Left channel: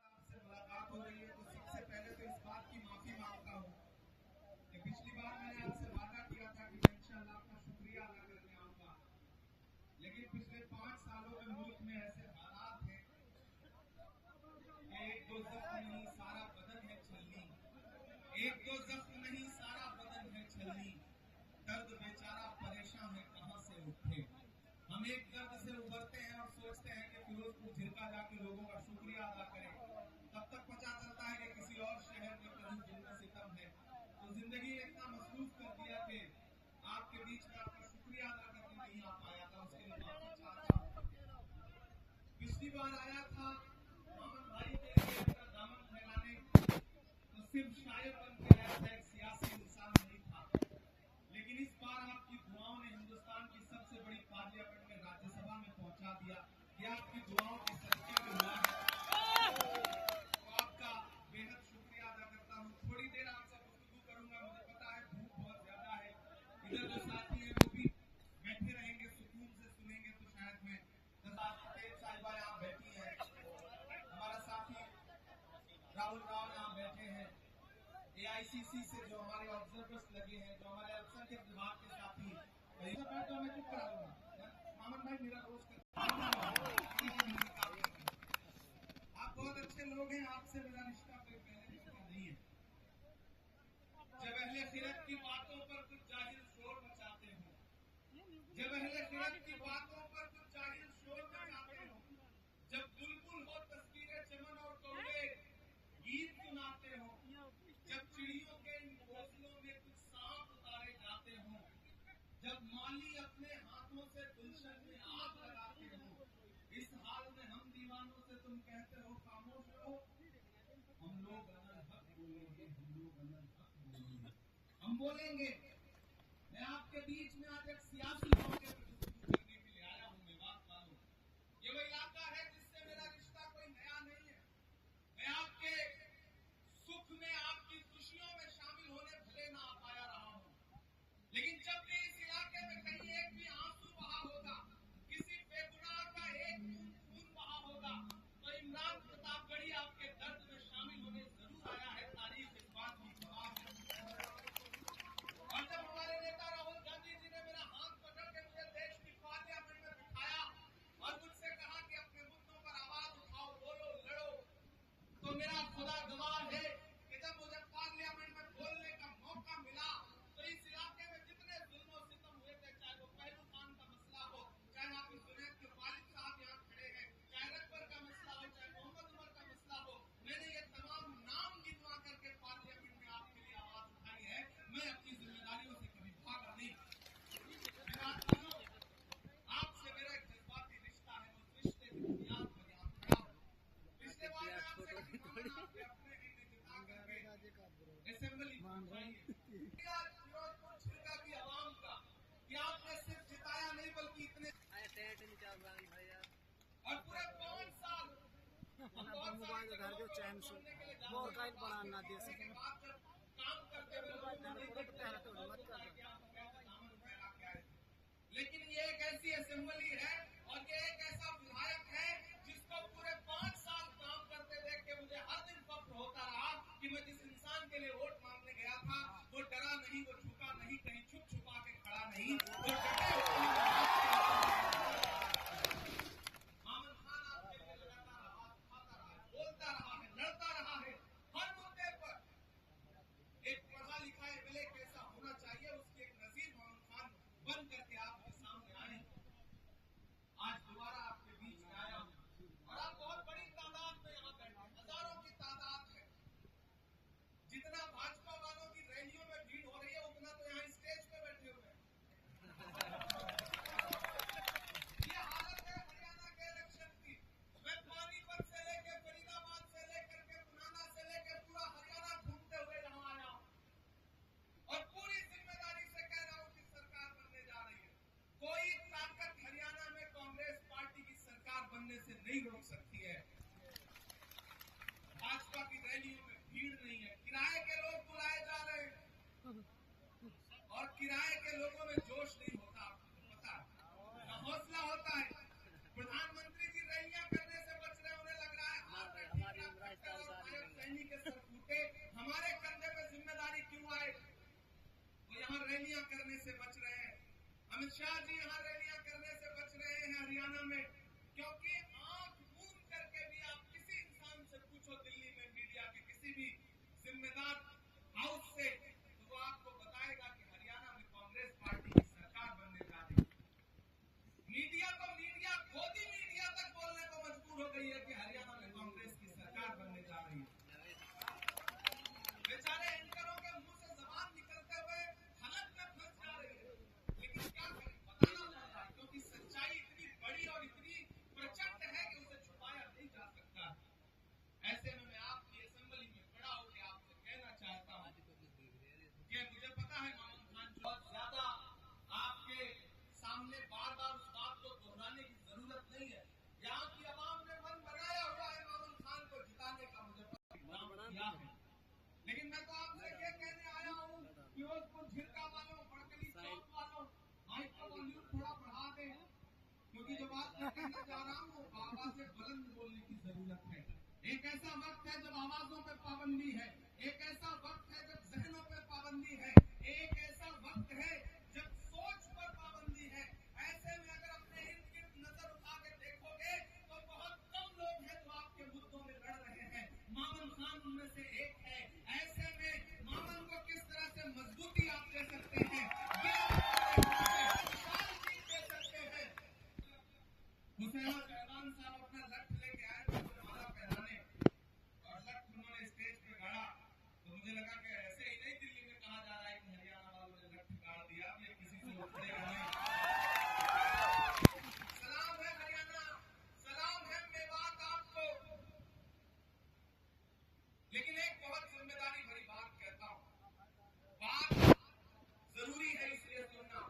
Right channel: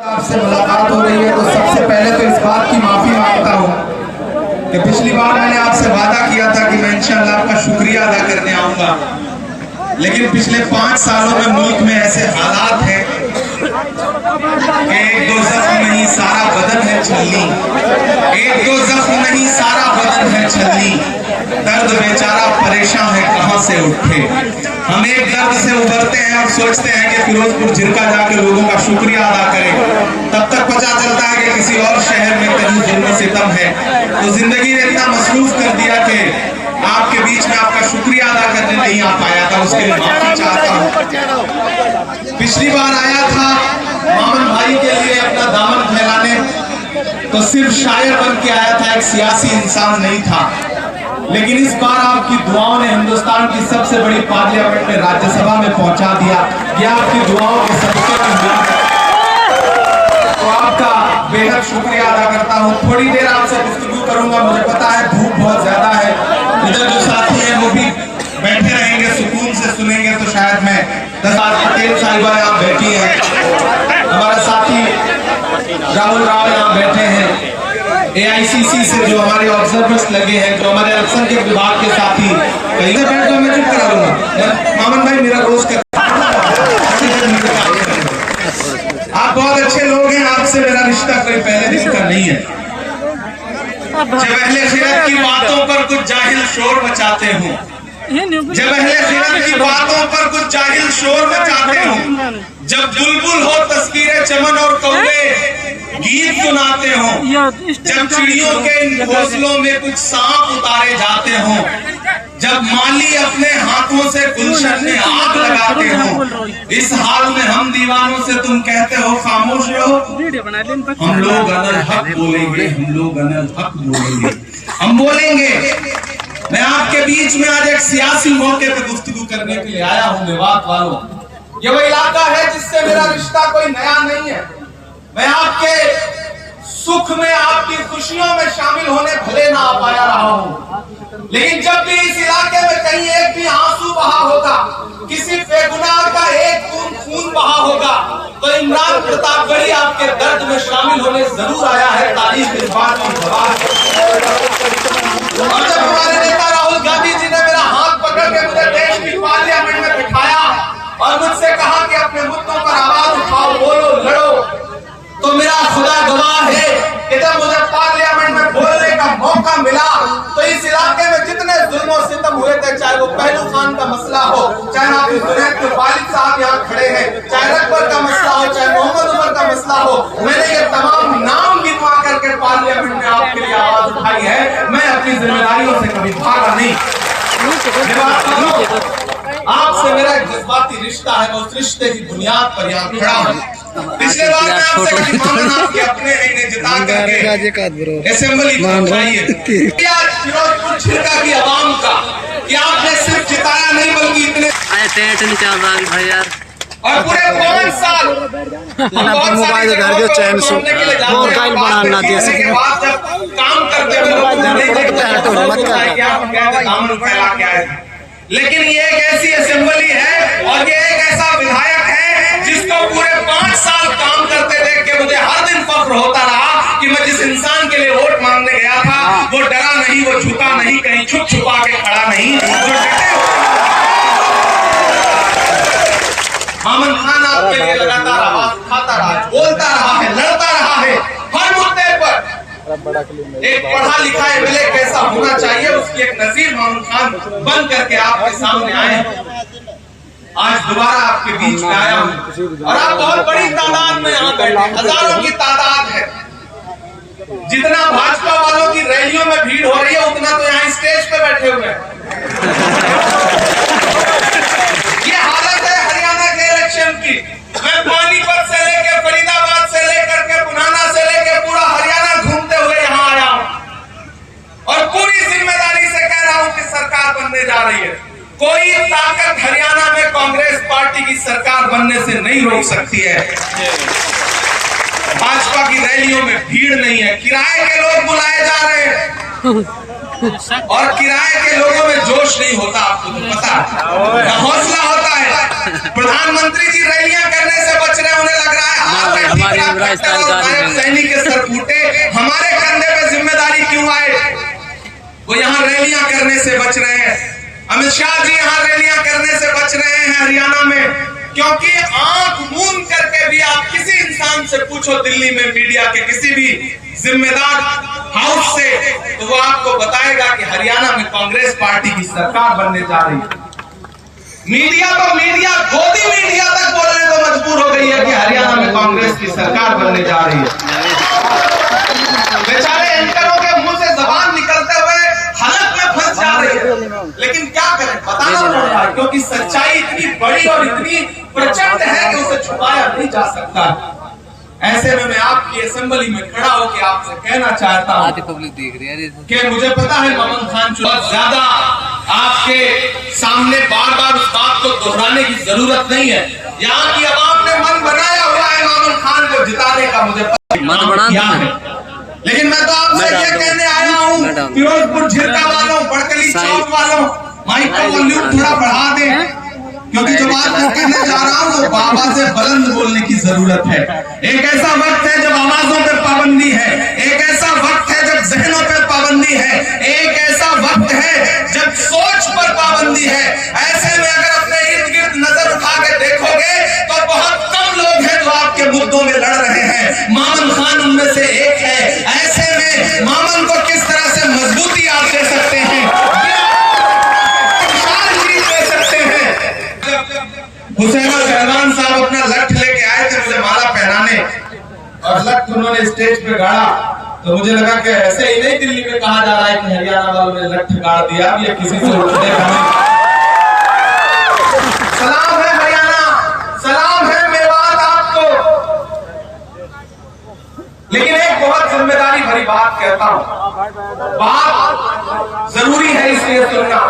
आपसे मुलाकात हो रही है तो सबसे पहले तो इस बात की माफी मांगता हूँ कि पिछली बार मैंने आपसे वादा किया था कि मैं इंशाअल्लाह आपका शुक्रिया अदा करने आऊंगा, लेकिन पिछले 5 सालों में मुल्क में ऐसे हालात हैं कि एक दो जख्म नहीं सारा बदन है छलनी, एक दो जख्म नहीं सारा बदन है छलनी, दर्द बेचारा परेशान है कहां से उठे। हम एक दर्द से उबरते हैं और सोचते हैं कि फिरोजपुर झिरका जाके लोगों का शुक्रिया अदा करें, तब तक पता चलता है कि किसी और शहर में कहीं जुल्म सितम है। तो जिंदगी ने इतना मसरूफ कर दिया कि आपके बीच में आपका शुक्रिया अदा करने नहीं आ पाया था, उसके लिए माफी चाहता हूँ। पिछली बार आया था मामन भाई के लिए अपना दामन फैलाने, तो सिर्फ शायर बन के आया था, एक सियासी इंसान नहीं था। लेकिन इस बार आपकी दुआओं ने हिंदुस्तान की सबसे बड़ी पार्लियामेंट में राज्यसभा में पहुंचा दिया। ये आपकी दुआओं के सदके तो आपका बेहद शुक्रिया अदा करता हूं। थोड़ी देर आपसे गुफ्तगू करूंगा, मुझे पता है धूप बहुत ज्यादा है, इधर जो साथी हैं वो भी बैठे रहेंगे, सुकून से सुनेंगे, तो शायद मैं 10 पटेल साहिबा यहाँ बैठी है, हमारा साथी राहुल राव यहाँ बैठे हैं, AICC से जो हमारे ऑब्जर्वर्स लगे हैं, जो हमारे अल्पसंख्यक विभाग के साथी, कहीं से बैठ तो मैं चुप करा लूंगा। मामन भाई मेरा रोज कर, आप बहुत अच्छे लोग हैं, आपसे मेरा रिश्ता कोई पहले दिन का नहीं है। जब अहले खिरत की बातों पर कुछ जाहिल शोर मचाते हो, जब अहले खिरत की बातों पर कुछ जाहिल शोर मचाते हो, जब बुलबुल हो तस्कीरे चमन और कौवे गीत सुनाते हो, जब चिड़ियों के इन घोंसलों में कुछ सांप उतारे जाते हो, जब माली अपने हाथों से गुलशन में आग लगाते हो, इस हाल में हम दीवानों से तुम कहते हो खामोश रहो। हम लोग अनल हक बोलेंगे, हम लोग अनल हक बोलेंगे, हम बोलेंगे। मैं आपके बीच में आज एक सियासी मौके पर गुफ्तगू करने के लिए आया हूँ। मेवात वालों, ये वो इलाका है जिससे मेरा रिश्ता कोई नया नहीं है। मैं आपके सुख में, आपकी खुशियों में शामिल होने भले ना आ पाया रहा हूं, लेकिन जब भी इस इलाके में कहीं एक भी आंसू बहा होगा, किसी बेगुनाह का एक बूंद खून बहा होगा, तो इमरान प्रतापगढ़ी आपके दर्द में शामिल होने जरूर आया है। तारीफ इस बात की गवाह है। और जब हमारे नेता राहुल गांधी जी ने मेरा हाथ पकड़ के मुझे देश की पार्लियामेंट में बिठाया और मुझसे कहा कि अपने मुद्दों पर आवाज उठाओ, बोलो, लड़ो, तो मेरा खुदा गवाह है कि जब मुझे पार्लियामेंट में बोलने का मौका मिला तो इस इलाके में जितने जुल्म और सितम हुए थे, चाहे वो पहलू खान का मसला हो, चाहे आप जुनैद के वालिद साहब यहाँ खड़े हैं, चाहे रकबर का मसला हो, चाहे मोहम्मद उमर का मसला हो, मैंने ये तमाम नाम गिनवा करके पार्लियामेंट में आपके लिए आवाज उठाई है। मैं अपनी जिम्मेदारियों से कभी भागा नहीं। आपसे मेरा एक जज्बाती रिश्ता है, मैं उस रिश्ते की बुनियाद पर यहाँ खड़ा हूँ। पिछले बार मैं आपसे कभी मांगना आपके अपने इन्हें जिता करके असेंबली पहुंचाइए। फिरोजपुर झिरका की आवाम का कि आपने सिर्फ जिताया नहीं बल्कि इतने भाई यार, और पूरे 5 साल मोबाइल घर के चैन से मोबाइल बनाना जैसे काम करते हुए, लेकिन ये एक ऐसी असेंबली है और ये एक ऐसा विधायक है जिसको पूरे 5 साल काम करते देख के मुझे हर दिन फख्र होता रहा कि मैं जिस इंसान के लिए वोट मांगने गया था वो डरा नहीं, वो झुका नहीं, कहीं छुप छुपा के खड़ा नहीं, जो डटे हो। मामन खान आपके लिए लगातार आवाज उठाता रहा, बोलता रहा है, लड़ता रहा है हर मुद्दे पर। एक पढ़ा लिखा एमएलए कैसा होना चाहिए उसकी एक नजीर मामन खान बन करके आपके सामने आए। आज दोबारा आपके बीच में आया हूं और आप बहुत बड़ी तादाद में यहाँ बैठे, हजारों की तादाद है। जितना भाजपा वालों की रैलियों में भीड़ हो रही है उतना तो यहाँ स्टेज पे बैठे हुए हैं। ये हालत है हरियाणा के इलेक्शन की। मैं पानीपत से लेकर फरीदाबाद से लेकर के पुनाना से लेकर पूरा हरियाणा घूमते हुए यहाँ आया हूं और पूरी जिम्मेदारी से कह रहा हूं कि सरकार बनने जा रही है। कोई ताकत हरियाणा में कांग्रेस पार्टी की सरकार बनने से नहीं रोक सकती है। भाजपा की रैलियों में भीड़ नहीं है, किराए के लोग बुलाए जा रहे हैं। और किराए के लोगों में जोश नहीं होता, आपको तो पता है, न हौसला होता है। प्रधानमंत्री जी रैलियां करने से बच रहे, उन्हें लग रहा है सैनिक के सर फूटे, हमारे कंधे पे जिम्मेदारी क्यों आए। वो यहाँ रैलियां करने से बच रहे हैं। अमित शाह जी यहाँ रैलियां करने से बच रहे हैं हरियाणा में, क्योंकि आंख मूंद करके भी आप किसी इंसान से पूछो दिल्ली में, मीडिया के किसी भी जिम्मेदार हाउस से, तो वो आपको बताएगा कि हरियाणा में कांग्रेस पार्टी की सरकार बनने जा रही है। मीडिया तो मीडिया, गोदी मीडिया तक बोलने को मजबूर हो गई है कि हरियाणा में कांग्रेस की सरकार बनने जा रही है। बेचारे एंकरों के मुंह से जबान निकलते हुए हालत में फंस जा रही है, लेकिन क्या करें, बताना पड़ रहा है, क्योंकि सच्चाई इतनी बड़ी और इतनी प्रचंड है कि उसे छुपाया नहीं जा सकता। ऐसे में मैं आपकी असेंबली में खड़ा होकर आपसे कहना चाहता हूँ कि मुझे पता है मामन खान बहुत ज्यादा आपके सामने बार बार उस बात को दोहराने की जरूरत नहीं है। यहाँ की आवाम ने मन बनाया हुआ है मामन खान को जिताने का, मुझे पता है, लेकिन मैं तो आपसे ये कहने आया हूँ, फिरोजपुर झिरका वालों, बड़कली चौक वालों, माइक का वॉल्यूम थोड़ा बढ़ा दें, क्योंकि जो बात मैं कहने जा रहा हूँ वो बाबा से बुलंद बोलने की जरूरत है। एक ऐसा वक्त है जब आवाजों पे पाबंदी है, एक ऐसा वक्त है जब जहनों पे पाबंदी है, एक ऐसा वक्त है जब सोच पर पाबंदी है। ऐसे में अगर अपने इर्द गिर्द नजर उठा के देखोगे तो बहुत कम लोग हैं जो आपके मुद्दों में लड़ रहे हैं। मामन खान उनमें से एक है। ऐसे में मामन को किस तरह से मजबूती आप दे सकते हैं, हुसैन पहलवान साहब अपना लठ लेके आए थे मुझे माला पहनाने, और लठ उन्होंने स्टेज पे गाड़ा, तो मुझे लगा कि ऐसे ही नहीं दिल्ली में कहा जा रहा है कि हरियाणा वालों ने लठ गाड़ दिया, ये किसी से उठने का नहीं। सलाम है हरियाणा, सलाम है मेवात आपको, लेकिन एक बहुत जिम्मेदारी भरी बात कहता हूं, बात जरूरी है इसलिए सुनना।